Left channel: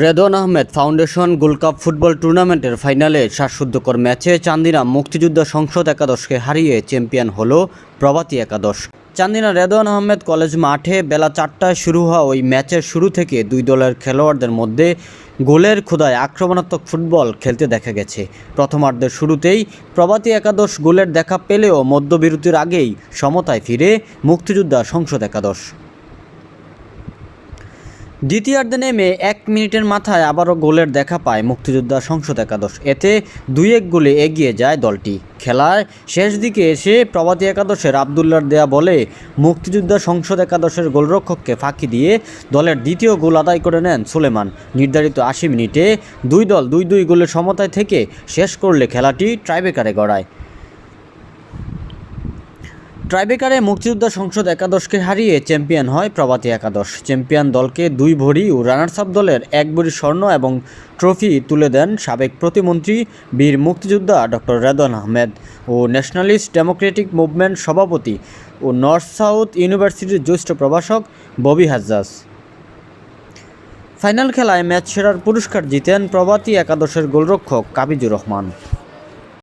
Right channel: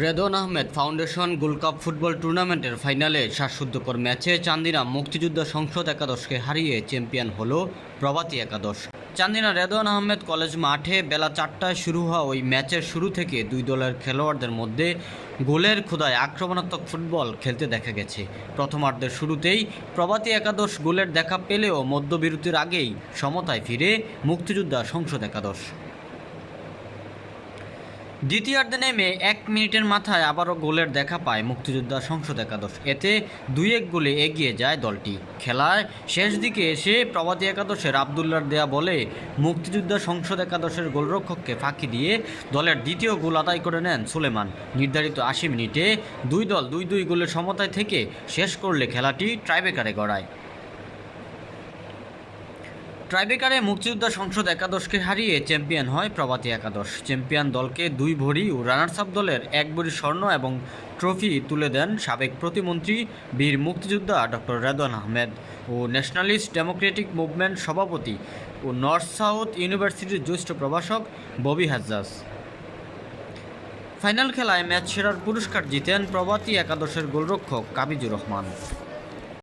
Redwan Ahmed foundation gold cup football টুর্নামেন্টের ফাইনালে শ্বাসরুদ্ধকর ম্যাচে চান্দিনা মুক্তিযোদ্ধা সংসদ একাদশকে হারিয়ে চ্যাম্পিয়ন হল প্রভাতী একাদশ। চান্দিনা রেদন আহমেদ কলেজ মাঠে বেলা চারটায় শুরু হওয়া ওই ম্যাচের শুরু থেকে দুই দলের খেলোয়াড়দের মধ্যে গোলের ক্ষুদায় আক্রমণাত্মক ফুটবল খেলতে দেখা গেছে। প্রথমার্ধের শুরুতেই প্রভাতী একাদশ গোলের দেখা পেলেও মধ্যবিরতির আগেই সমতায় ফিরে মুক্তিযোদ্ধা সংসদ একাদশ। দ্বিতীয়ার্ধে নেমে এক মিনিটের মাথায় আবারও গোলের দেখা পায় মুক্তিযোদ্ধা সংসদ একাদশ। এতে দুই এক গোলে এগিয়ে যায় দলটি। খেলায় শেষ দিকে এসে প্রভাতী একাদশের আবদুল্লার দেয়া বলে মুক্তিযোদ্ধা সংসদ একাদশের গোলরক্ষককে ফাঁকি দিয়ে দলের দ্বিতীয় গোল আদায় করে নেন সুলেমান। নির্ধারিত আশি মিনিটে দুই দল দুই দুই গোলের সমতায় থেকে শেষ করলে খেলাটি ট্রাইবেকারে গড়ায়। ট্রাইবেকারে মুক্তিযোদ্ধা সংসদ একাদশকে হারিয়ে চ্যাম্পিয়ন হয় প্রভাতী একাদশ। চ্যাম্পিয়ন দলকে দুই ভরি ও রানার্স আপ দলের এক ভরি স্বর্ণ এবং ট্রফি তুলে দেন সাবেক প্রতিমন্ত্রী, বীর মুক্তিযোদ্ধা ডক্টর রেদন আহমেদ ও ন্যাশনালিস্ট ডেমোক্রেটিক মুভমেন্ট সভাপতি ও নর্থ সাউথ ইউনিভার্সিটির জ্যেষ্ঠ প্রভাষক ববি হাজ্জাজ। ফাইনাল খেলায় ম্যাচ সেরার পুরস্কার জিতেন প্রভাতী একাদশের গোলরক্ষক কাবিজুর রহমান।